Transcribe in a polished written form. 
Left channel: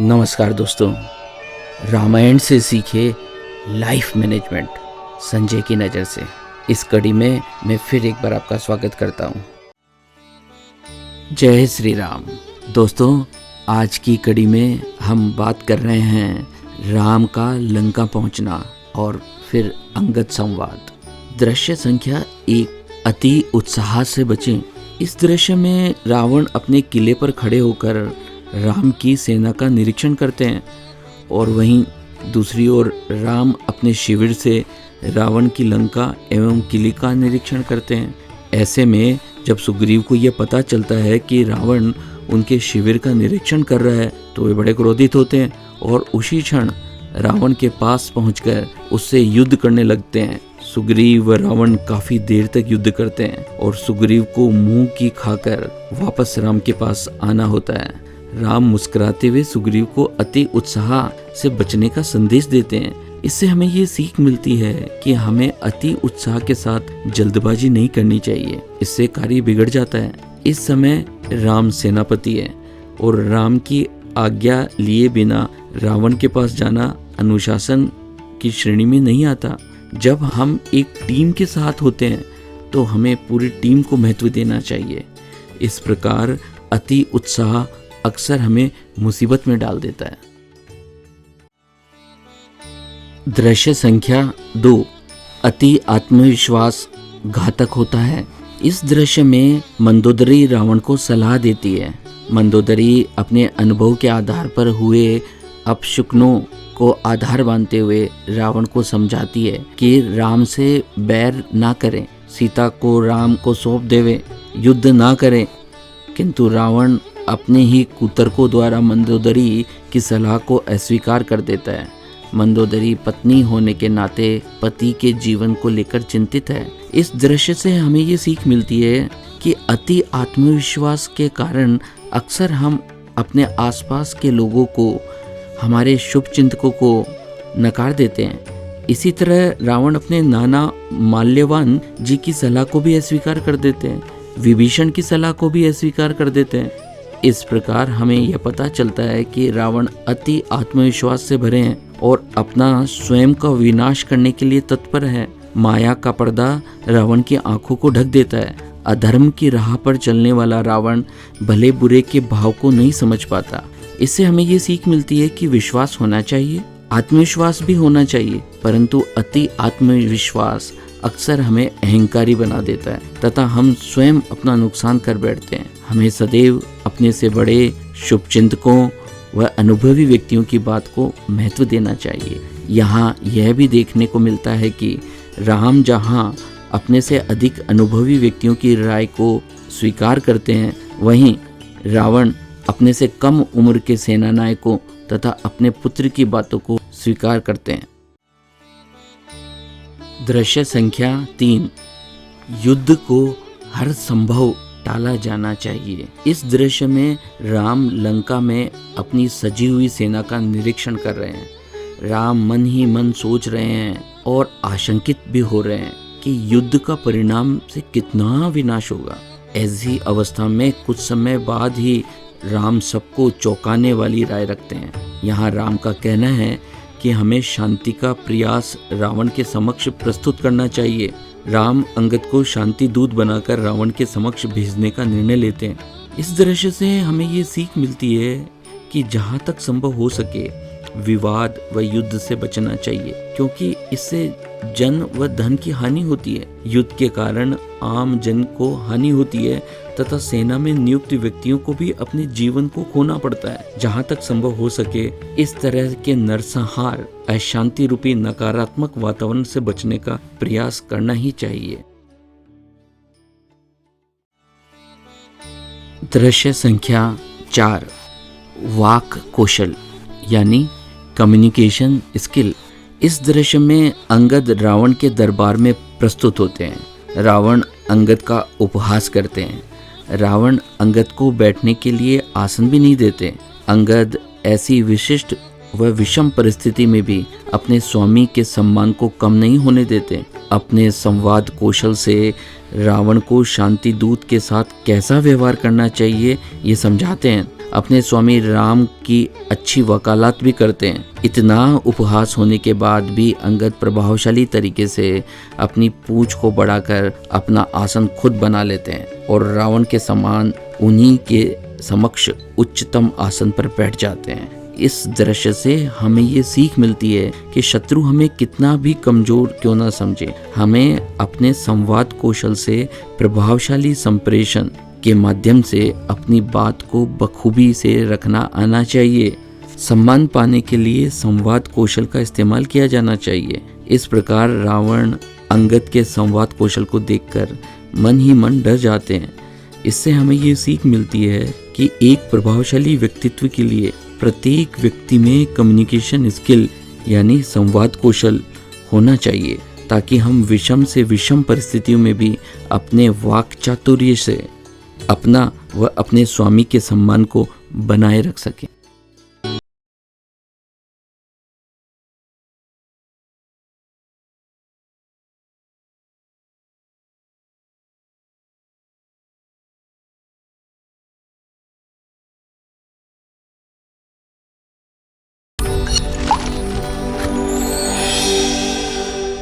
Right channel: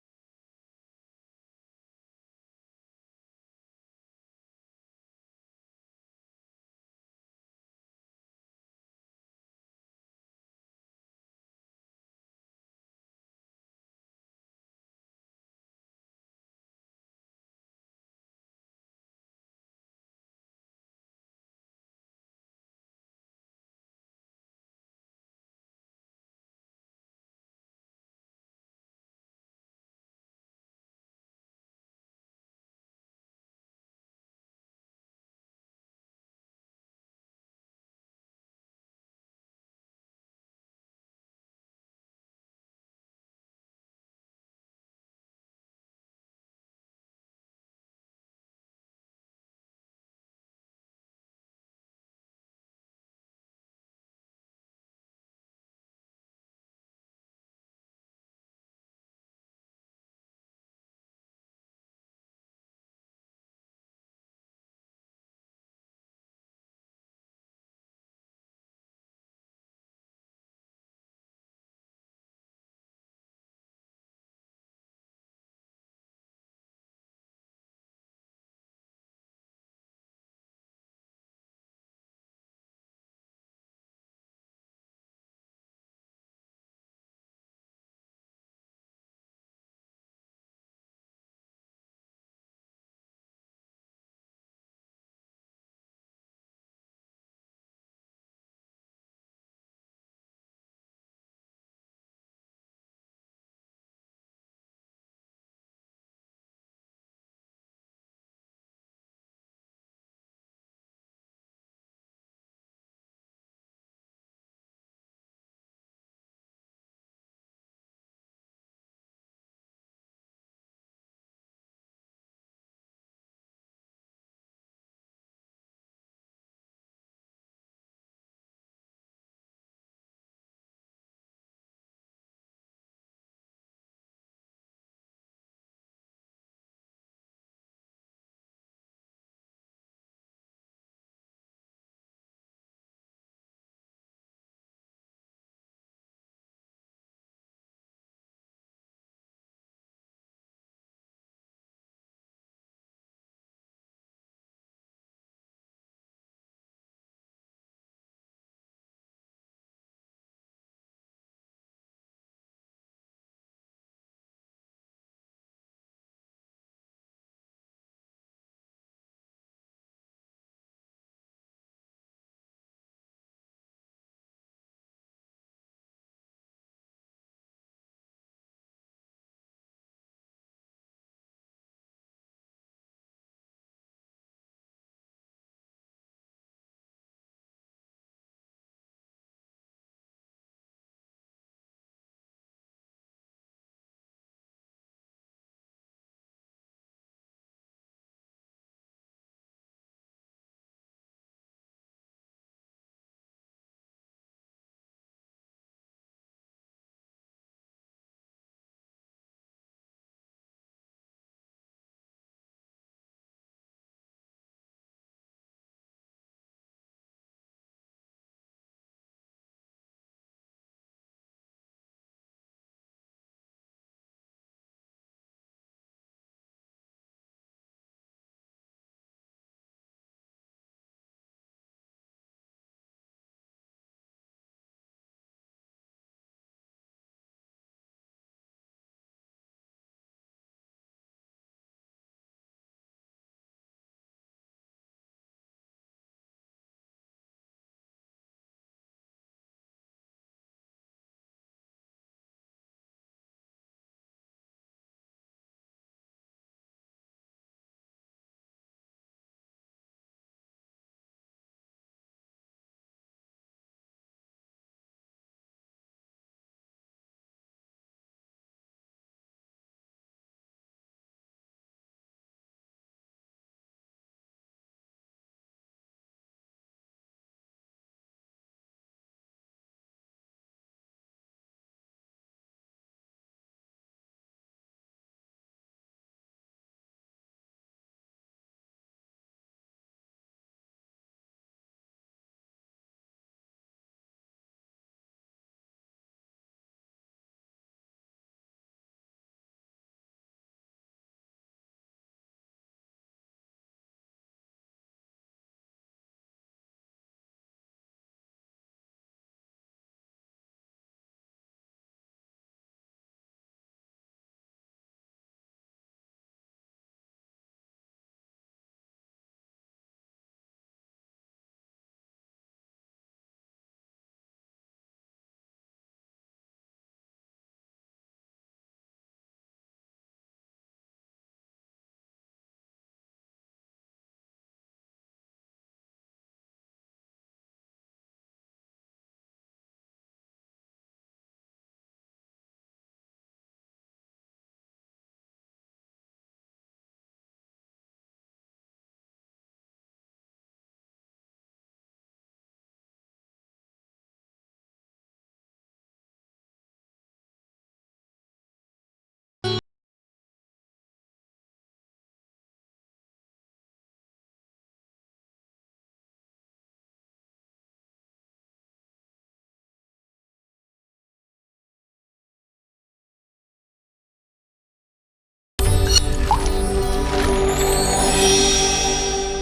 नमस्कार दोस्तों, रामायण से सीखे लाइफ मैनेजमेंट संजय की नज़र से इस कड़ी में मैं फिर एक बार आपका स्वागत करता हूँ। जय श्री राम। दोस्तों, आज की कड़ी में हम बात कर रहे हैं राम का लंका पहुँचना और फिर अंगद संवाद। दृश्य संख्या 1, अति उत्साह से बचें। इस दृश्य में रावण अपने किले पर खड़े होकर राम की सेना का निरीक्षण करते हैं और वहीं दूसरी ओर राम अपने शिविर से रावण की लंका एवं किले का निरीक्षण करते हैं। ऐसे में जब सुग्रीव को यह पता चलता है कि रावण उनके शिविर का निरीक्षण कर रहा है तो वे बड़े क्रोधित होते हैं और उसी क्षण रावण के पास पहुंचकर उससे युद्ध करने लगते हैं। सुग्रीव व रावण काफी देर तक युद्ध करते हैं और सुग्रीव को मुंह की खाकर वापस राम के पास आना होता है। राम मुस्कुराते हुए सुग्रीव को अति उत्साह से बचने का संदेश देते हैं। इससे हमें ये सीख मिलती है कि हमें अति उत्साह के साथ जल्दबाजी नहीं करनी चाहिए, इससे कार्य बिगड़ जाता है। इस समय राम सेनापति है और राम की आज्ञा लिए बिना रावण के पास जाना अनुशासन की श्रेणी में नहीं आता। जब हम एक टीम के साथ होते हैं तो हमें पूरी टीम को महत्व देना चाहिए। इस प्रकार अति उत्साह अक्सर हमें मुसीबत में डाल देता है। दृश्य संख्या 2, अति आत्मविश्वास घातक होता है। इस दृश्य में मंदोदरी रावण को सलाह देती है। मंदोदरी अपने अनुभव के आधार पर हुए अपशकुनों को आधार मानते हुए रावण को समझाती है कि राम से बैर ना करें, सीता को राम को सौंप देवे, युद्ध ना करें। किंतु रावण अपने ही कुतर्कों द्वारा मंदोदरी की सलाह को अस्वीकार कर देता है। मंदोदरी पत्नी होने के नाते पति के जीवन को लेकर चिंतित है। इस दृश्य से हमें ये सीख मिलती है कि अति आत्मविश्वास के कारण अक्सर हम अपने आसपास के लोगों को, हमारे शुभ चिंतकों को नकार देते हैं। इसी तरह रावण अपने नाना माल्यवान जी की सलाह को भी अस्वीकार कर देते हैं, विभीषण की सलाह को भी अस्वीकार कर देते हैं। इस प्रकार हमें यह पता चलता है कि रावण अति आत्मविश्वास से भरे हैं और अपना स्वयं का विनाश करने के लिए तत्पर है। माया का पर्दा रावण की आंखों को ढक देता है। अधर्म की राह पर चलने वाला रावण भले बुरे के भाव को नहीं समझ पाता। इससे हमें ये सीख मिलती है कि विश्वास होना चाहिए, आत्मविश्वास भी होना चाहिए, परंतु अति आत्मविश्वास अक्सर हमें अहंकारी बना देता है तथा हम स्वयं अपना नुकसान कर बैठते हैं। हमें सदैव अपने से बड़े शुभचिंतकों व अनुभवी व्यक्तियों की बात को महत्व देना चाहिए। यहाँ यह भी देखने को मिलता है कि राम जहाँ अपने से अधिक अनुभवी व्यक्तियों की राय को स्वीकार करते हैं, वहीं रावण अपने से कम उम्र के सेनानायकों तथा अपने पुत्र की बातों को स्वीकार करते हैं। दृश्य संख्या 3, युद्ध को हर संभव टाला जाना चाहिए। इस दृश्य में राम लंका में अपनी सजी हुई सेना का निरीक्षण कर रहे हैं। राम मन ही मन सोच रहे हैं और आशंकित भी हो रहे हैं कि युद्ध का परिणाम से कितना विनाश होगा। ऐसी अवस्था में कुछ समय बाद ही राम सबको चौंकाने वाली राय रखते हैं। यहाँ राम का कहना है कि हमें शांति का प्रयास रावण के समक्ष प्रस्तुत करना चाहिए। राम अंगद को शांति दूत बनाकर रावण के समक्ष भेजने का निर्णय लेते हैं। इस दृश्य से हमें ये सीख मिलती है कि जहाँ तक संभव हो सके विवाद व युद्ध से बचना चाहिए, क्योंकि इससे जन व धन की हानि होती है। युद्ध के कारण आम जन को हानि होती है तथा सेना में नियुक्त व्यक्तियों को भी अपने जीवन को खोना पड़ता है। जहाँ तक संभव हो सके इस तरह के नरसंहार, अशांति रूपी नकारात्मक वातावरण से बचने का प्रयास करना ही चाहिए। दृश्य संख्या 4, वाक कौशल यानी कम्युनिकेशन स्किल। इस दृश्य में अंगद रावण के दरबार में प्रस्तुत होते हैं। रावण अंगद का उपहास करते हैं। रावण अंगद को बैठने के लिए आसन भी नहीं देते। अंगद ऐसी विशिष्ट व विषम परिस्थिति में भी अपने स्वामी के सम्मान को कम नहीं होने देते। अपने संवाद कौशल से रावण को शांति दूत के साथ कैसा व्यवहार करना चाहिए ये समझाते हैं। अपने स्वामी राम की अच्छी वकालत भी करते हैं। इतना उपहास होने के बाद भी अंगद प्रभावशाली तरीके से अपनी पूंछ को बढ़ाकर अपना आसन खुद बना लेते हैं और रावण के समान उन्हीं के समक्ष उच्चतम आसन पर बैठ जाते हैं। इस दृश्य से हमें ये सीख मिलती है कि शत्रु हमें कितना भी कमजोर क्यों ना समझे, हमें अपने संवाद कौशल से प्रभावशाली संप्रेषण के माध्यम से अपनी बात को बखूबी से रखना आना चाहिए। सम्मान पाने के लिए संवाद कौशल का इस्तेमाल किया जाना चाहिए। इस प्रकार रावण अंगद के संवाद कौशल को देखकर मन ही मन डर जाते हैं। इससे हमें ये सीख मिलती है कि एक प्रभावशाली व्यक्तित्व के लिए प्रत्येक व्यक्ति में कम्युनिकेशन स्किल यानी संवाद कौशल होना चाहिए, ताकि हम विषम से विषम परिस्थितियों में भी अपने वाक चातुर्य से अपना व अपने स्वामी के सम्मान को बनाए रख सकें।